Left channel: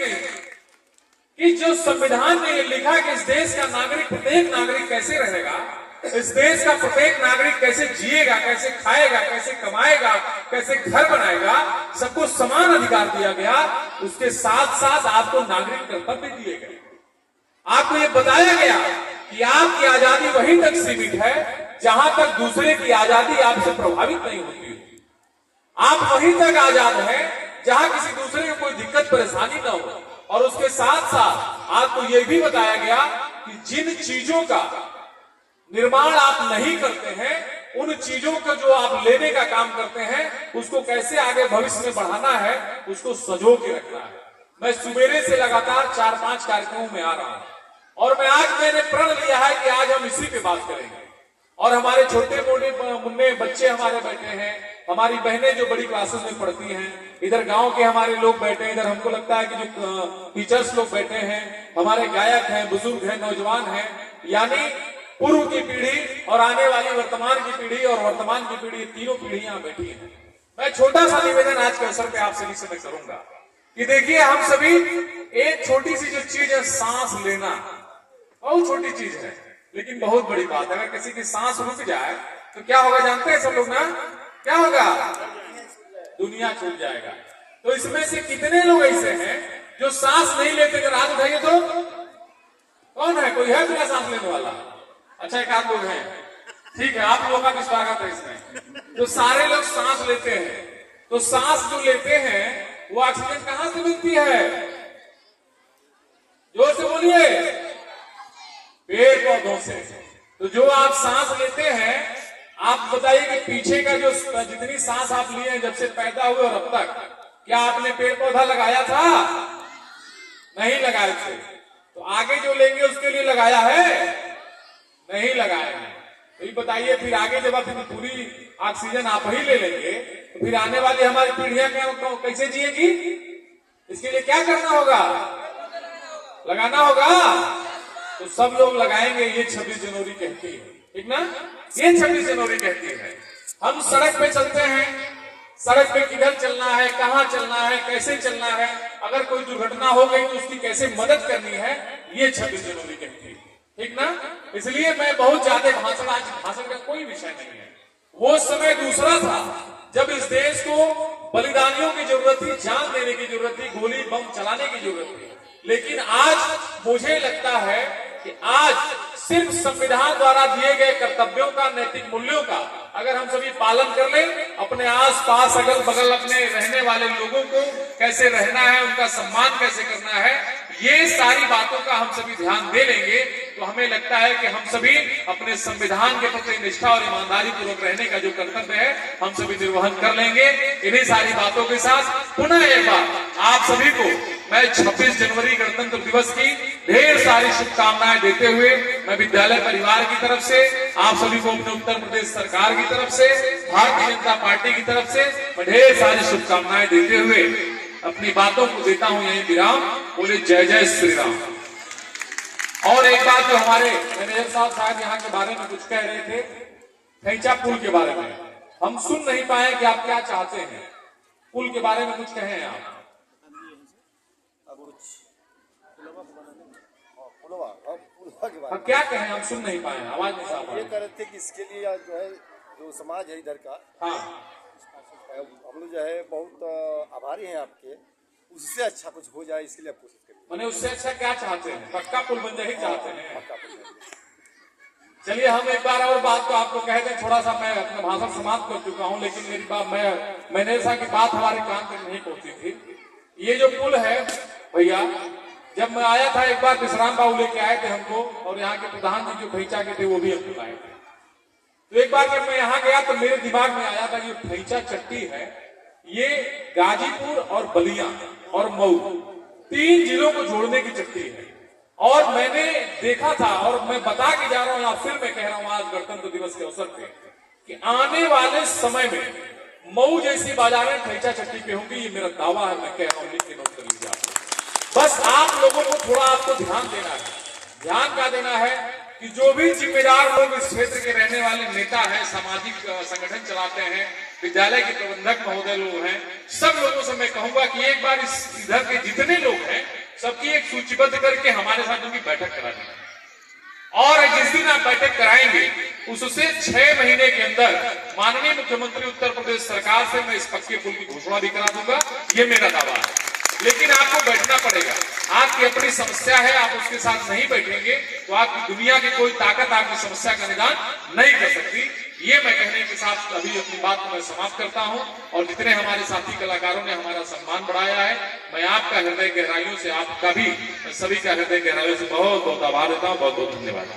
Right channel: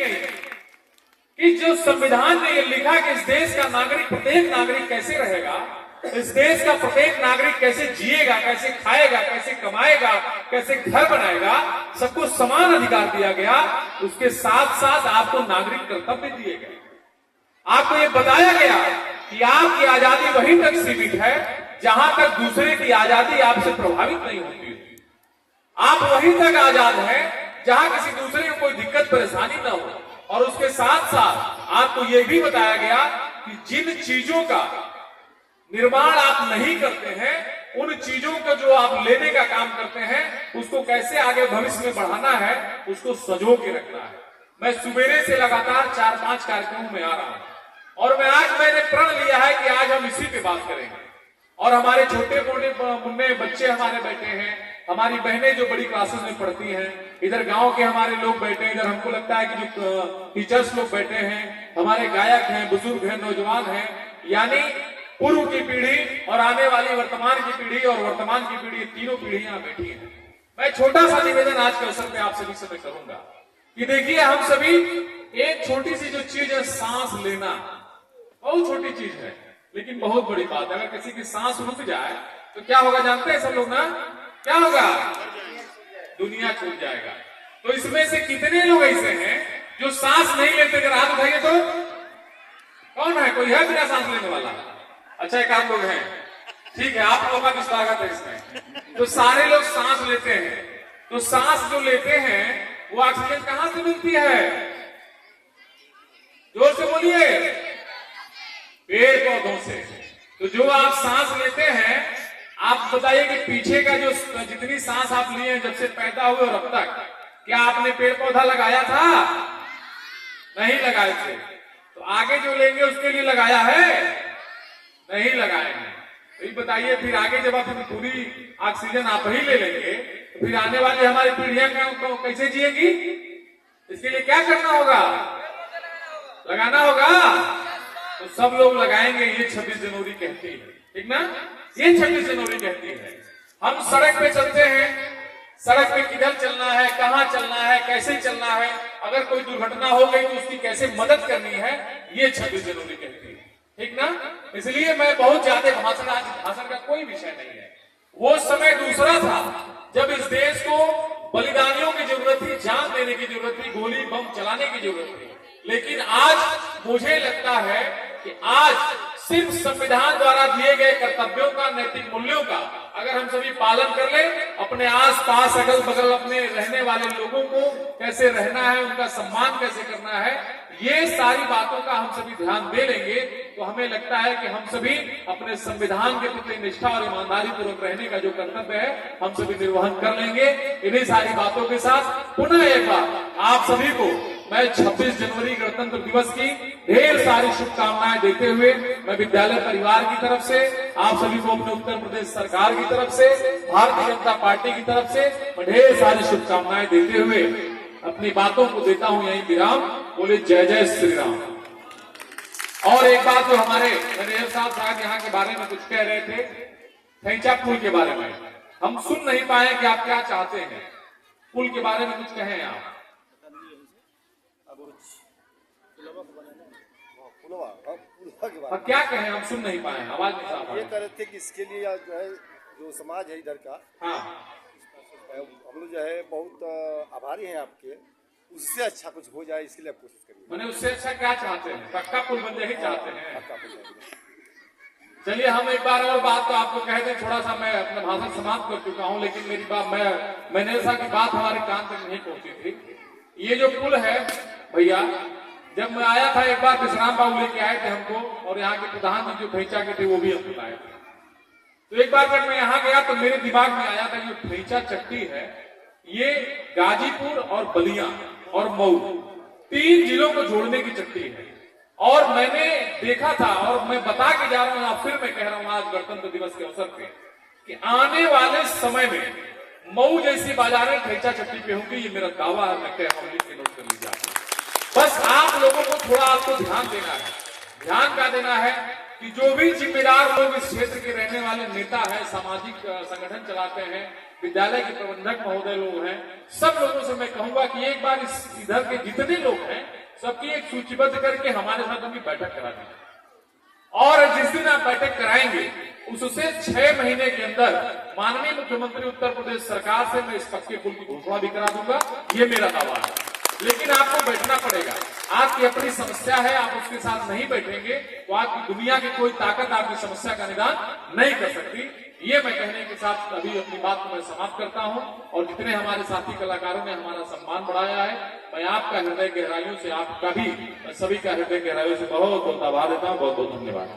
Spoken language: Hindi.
कही कि जो संविधान ने ये लिखा कि इस देश का नागरिक, प्रत्येक नागरिक कैसे रहेगा, इस देश का प्रत्येक नागरिक कैसे जिएगा, कैसे खाएगा, कैसे कमाएगा, कैसे घर बनाएगा, सबको समान अधिकार दिया गया। उसके साथ साथ आपको नागरिक कर्तव्य दिए गए। आपको ये बताया गया कि आपकी आजादी वहीं तक सीमित है जहां तक दूसरे की आजादी आपसे प्रभावित नहीं होती। आप वहीं तक आजाद हैं जहां किसी दूसरे को कोई दिक्कत परेशानी ना हो। और उसके साथ साथ आपको यह भी बताया गया कि जिन चीजों का निर्माण आप नहीं करते हैं, उन चीजों का जो आप लेने का काम करते हैं, उसको कैसे आगे भविष्य में बढ़ाना है, उसको संजो के रखना है। मैं सुबेरे से लगातार 4-5 कार्यक्रमों में आ रहा हूं और मैंने प्रण लिया है कि आज हम इसी पे बात करेंगे। और हमारे छोटे मोटे मुन्ने बच्चे हमारे बैठे हैं, हमारी बहनें जो बड़ी क्लासेस में पढ़ती हैं, इधर गांव के हमारे लोग बैठे हैं, इधर हमको लगता है कि जो टीचर्स लोग बैठे हैं, हमारे गायक हैं, बुजुर्ग हैं, नौजवान हैं, यानी पूर्व की पीढ़ी और आने वाली वर्तमान की पीढ़ी और वर्तमान की पीढ़ी, तीनों पीढ़ियां बैठी हैं। मैं छोटा सा निवेदन आज के अवसर पे आप सभी से मैं करूंगा कि देखिए, हम सभी एक छोटी सी जो चीज है सांस लेना, बहुत छोटी चीज है लेकिन बहुत बड़ी बात है। अगर किसी की सांस रुक जाए तो क्या होगा जानते हैं सब लोग ना? क्या होगा? दुनिया छूट जाएगा। तो इसमें से कितने लोग ऐसे हैं जो सांस नहीं लेते? अगर हाथ उठाइए तो कौन है? कोई है बिना सांस लेने वाला? अच्छा, एक आध लोग हैं, ठीक है, आप लोगों का भी स्वागत है इसमें। तो सारे लोग सांस लेते हैं, तो सांस जो लेते हैं वो ऑक्सीजन कहां से मिलती है? जोर से बोलिए। पेड़ पौधों से। तो जो आप सांस लेते हैं, आप बताइए कि पीछे का जो जितनी सांस आप लिए हैं जब से पैदा हुए और अब तक, क्या आपने पेड़ पौधा लगाया था? नहीं लगाए थे। तो आगे जो लेंगे उसके लिए लगाया है? नहीं लगाए हैं। तो ये बताइए फिर आगे जब आप पूरी ऑक्सीजन आप ही ले लेंगे तो फिर आने वाली हमारी पीढ़ियां कैसे जिएंगी? इसके लिए क्या करना होगा? लगाना होगा। तो सब लोग लगाएंगे। ये 26 जनवरी कहती है, ठीक ना? ये 26 जनवरी कहती है। हम सड़क पे चलते हैं, सड़क पे किधर चलना है, कहां चलना है, कैसे चलना है, अगर कोई दुर्घटना हो गई तो उसकी कैसे मदद करनी है, ये 26 जनवरी कहती है, ठीक ना? इसलिए मैं बहुत ज्यादा भाषण का कोई विषय नहीं है। वो समय दूसरा था जब इस देश को बलिदानियों की जरूरत थी, जान देने की जरूरत थी, गोली बम चलाने की जरूरत थी। लेकिन आज मुझे लगता है कि आज सिर्फ संविधान द्वारा दिए गए कर्तव्यों का, नैतिक मूल्यों का अगर हम सभी पालन कर लें, अपने आस पास अगल बगल अपने रहने वाले लोगों को कैसे रहना है, उनका सम्मान कैसे करना है, ये सारी बातों का हम सभी ध्यान दे लेंगे तो हमें लगता है कि हम सभी अपने संविधान के प्रति निष्ठा और ईमानदारी पूर्वक रहने का जो कर्तव्य है हम सभी निर्वहन कर लेंगे। इन्हीं सारी बातों के साथ पुनः एक बार आप सभी को मैं 26 जनवरी गणतंत्र दिवस की ढेर सारी शुभकामनाएं देते हुए मैं विद्यालय परिवार की तरफ से, आप सभी को अपने उत्तर प्रदेश सरकार की तरफ से, भारतीय जनता पार्टी की तरफ से मैं ढेर सारी शुभकामनाएं देते हुए अपनी बातों को देता हूं यही विराम। बोले जय जय श्री राम। और एक बात जो हमारे मैनेजर साहब यहाँ के बारे में कुछ कह रहे थे, थैंचा पुल के बारे में, हम सुन नहीं पाए कि आप क्या चाहते हैं। पुल के बारे में कुछ कहें आप। पुलवा क्या कहें, हम सुन नहीं पाए, आवाज नहीं साफ। ये कह रहे थे कि इसके लिए जो है जो समाज है इधर का, हाँ, हम लोग जो है बहुत आभारी हैं आपके, उससे अच्छा कुछ हो जाए इसके लिए आप कोशिश करिए। मैंने उससे अच्छा क्या चाहते हैं? पक्का पुल बन जाए चाहते हैं। पक्का पुल। चलिए हम एक बार और बात तो आपको कह दें, थोड़ा सा मैं अपना भाषण समाप्त कर चुका हूं लेकिन मेरी बात मैंने ऐसा की बात हमारे कान तक नहीं पहुंची थी। ये जो पुल है भैया, जब मैं आया था एक बार विश्राम बाबू लेके आए थे हमको और यहाँ के प्रधान जी जो खैचा के थे वो भी हमको लाए थे। तो एक बार जब मैं यहाँ गया तो मेरे दिमाग में आया था ये खैचा चट्टी है, ये गाजीपुर और बलिया और मऊ 3 जिलों को जोड़ने की चट्टी है। और मैंने देखा था और मैं बता के जा रहा हूं, फिर मैं कह रहा हूं आज गणतंत्र दिवस के अवसर पे कि आने वाले समय में मऊ जैसी बाजारें खैचा चट्टी पे होंगी। ये मेरा दावा है, मैं कह रहा हूं, लिख के नोट कर लीजिए आप। बस आप लोगों को थोड़ा आपको ध्यान देना है। ध्यान क्या देना है कि जो भी जिम्मेदार लोग इस क्षेत्र के रहने वाले नेता हैं, सामाजिक संगठन चलाते हैं, विद्यालय के प्रबंधक महोदय लोग हैं, सब लोगों से मैं कहूंगा कि एक बार इस इधर के जितने लोग हैं सबकी एक सूचीबद्ध करके हमारे साथ उनकी बैठक करानी है। और जिस दिन आप बैठक कराएंगे उससे 6 महीने के अंदर माननीय मुख्यमंत्री उत्तर प्रदेश सरकार से मैं इस पक्के पुल की घोषणा भी करा दूंगा, ये मेरा दावा है। लेकिन आपको बैठना पड़ेगा, आपकी अपनी समस्या है, आप उसके साथ नहीं बैठेंगे तो आपकी दुनिया की कोई ताकत आपकी समस्या का निदान नहीं कर सकती। ये मैं कहने के साथ अभी अपनी बात को मैं समाप्त करता हूं। और जितने हमारे साथी कलाकारों ने हमारा सम्मान बढ़ाया है, मैं आपका हृदय गहराइयों से, आपका भी सभी का हृदय गहराइयों से बहुत बहुत आभार देता हूं। बहुत बहुत धन्यवाद।